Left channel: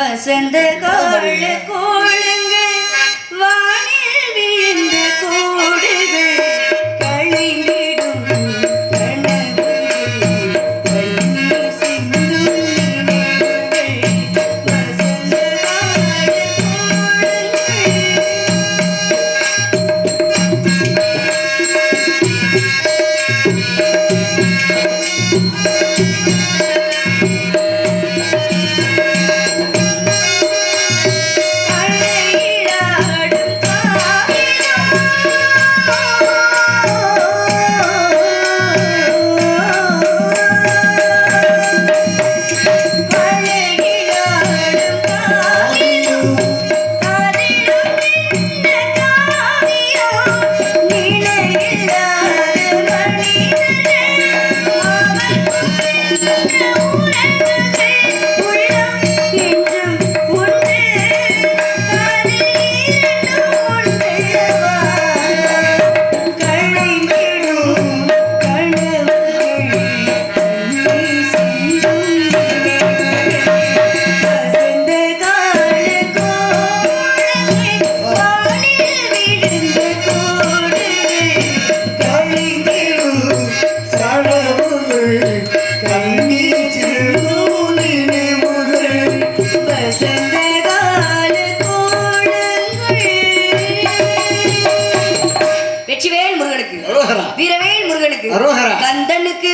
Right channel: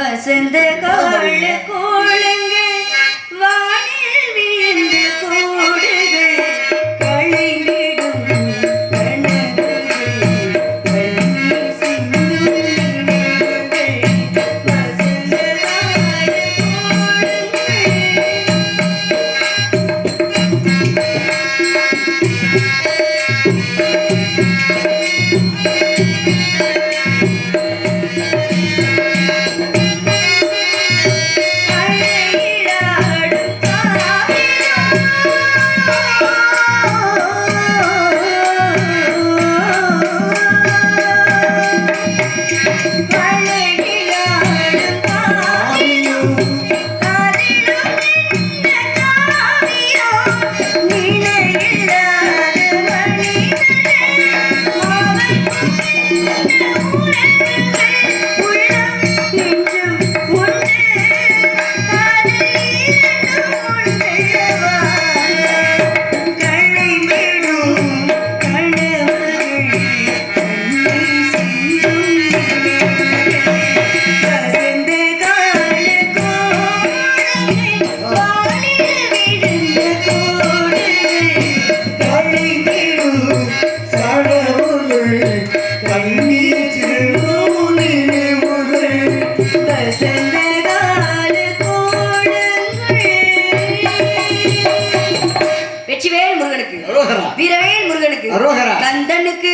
வசந்த கால கோலங்கள் Música வெற்றிவேல் முருகனுக்கு வீரவேல் முருகனுக்கு. கந்தனுக்கு